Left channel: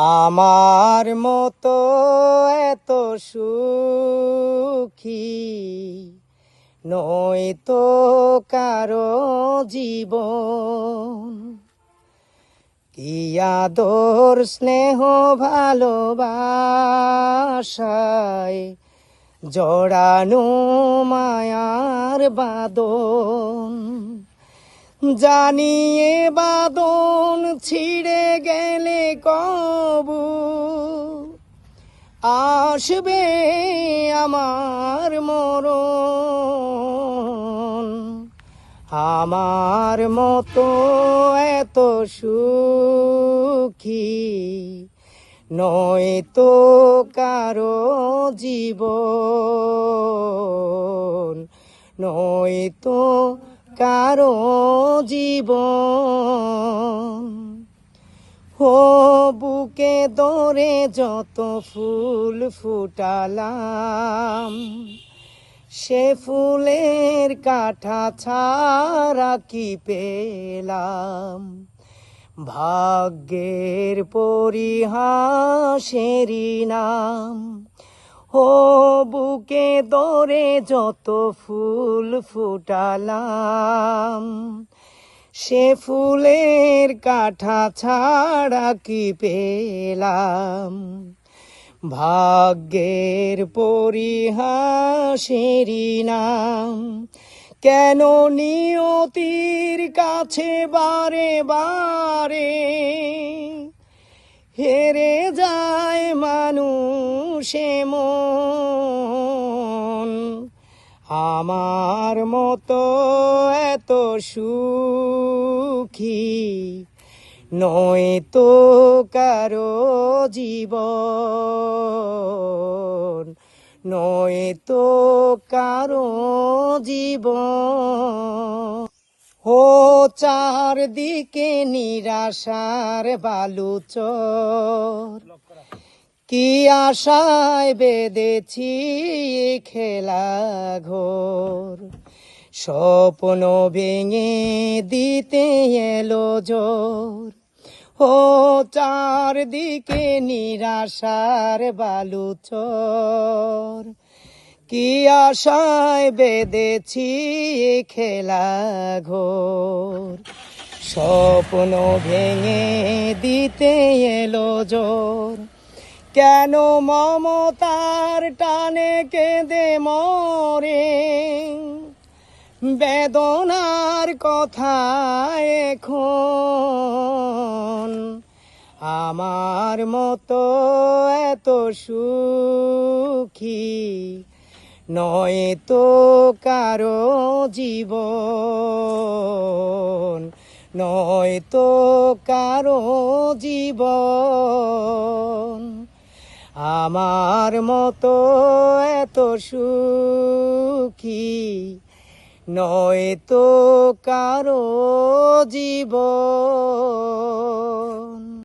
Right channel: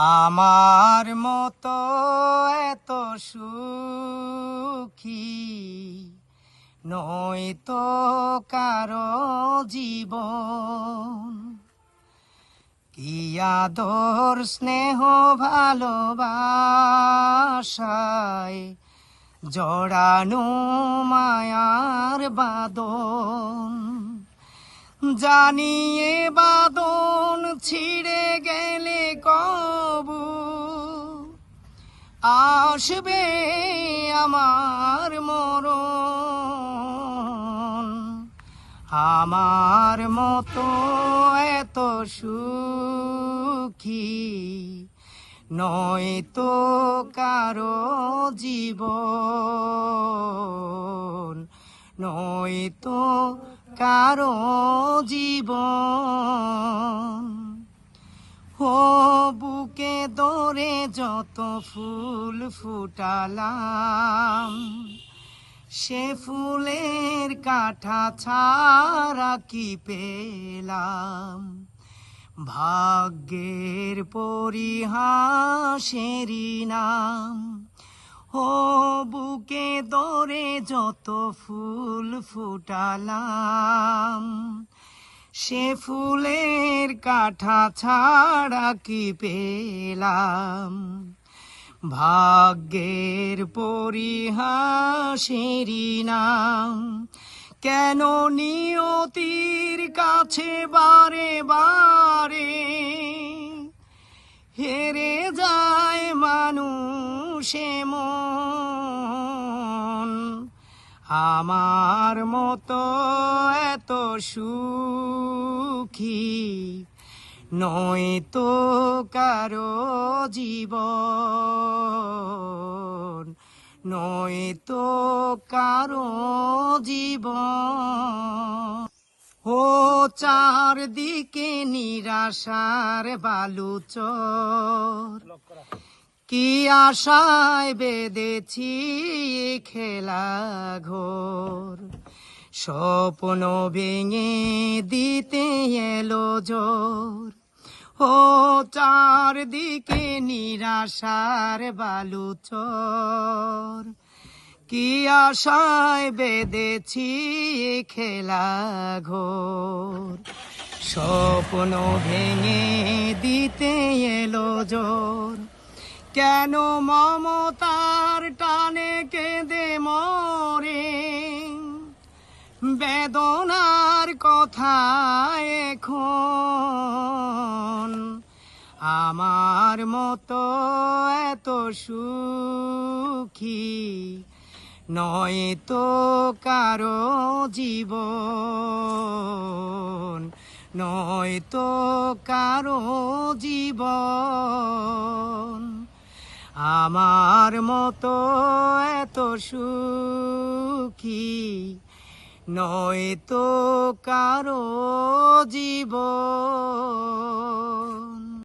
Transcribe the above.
আমার মতো এত সুখী নয়তো কারো জীবন। কি আদর স্নেহ ভালোবাসায় জড়ানো মায়ার বাঁধন। জানিয়ে বাঁধন ছিঁড়ে গেলে কবু আসবে আমার মরণ। আমার মতো এত সুখী নয়তো কারো জীবন, নয়তো কারো জীবন। ও বুকে দরে যত ফুল ফুটালাম, সে ফুলের কাঁটা ছাড়া কি পেলাম। ভাগ্যের পরিহাসেরই নাম। ও বুকে দরে যত ফুল ফুটালাম, সে ফুলের কাঁটা ছাড়া কি পেলাম। ভাগ্যের পরিহাসেরই নাম। কেন নিয়তির কাছে বারে বারে হেরে যায় মানুষ মন। আমার মতো এত সুখী নয়তো কারো জীবন, নয়তো কারো জীবন। ও চারদিকে নিরাশার বালুচর, কি আশায় বেঁধেছি খেলা ঘোর। স্বপ্ন ভেঙে দিতে এলো জোর। ও চারদিকে নিরাশার বালুচর, কি আশায় বেঁধেছি খেলা ঘোর। স্বপ্ন ভেঙে দিতে এলো জোর। কেন মমতার টানে কেঁদে মরে বেদনার কথা এখন। আমার মতো এত সুখী নয়তো কারো জীবন, নয়তো কারো জীবন। আমার মতো এত সুখী নয়তো কারো জীবন।